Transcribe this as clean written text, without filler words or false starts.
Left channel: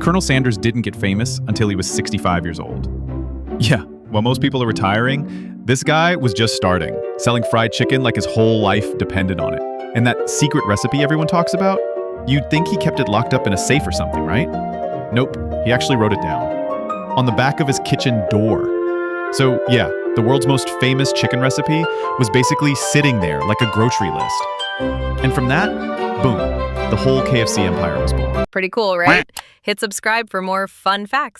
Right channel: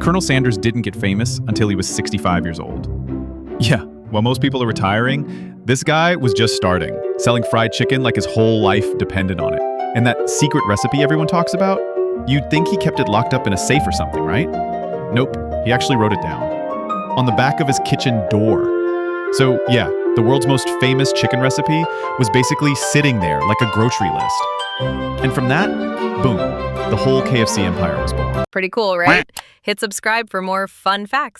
Colonel Sanders didn't get famous until he was 65 years old. Yeah, while most people are retiring, this guy was just starting, selling fried chicken like his whole life depended on it. And that secret recipe everyone talks about? You'd think he kept it locked up in a safe or something, right? Nope, he actually wrote it down. On the back of his kitchen door. So yeah, the world's most famous chicken recipe was basically sitting there like a grocery list. And from that, boom, the whole KFC empire was born. Pretty cool, right? Hit subscribe for more fun facts.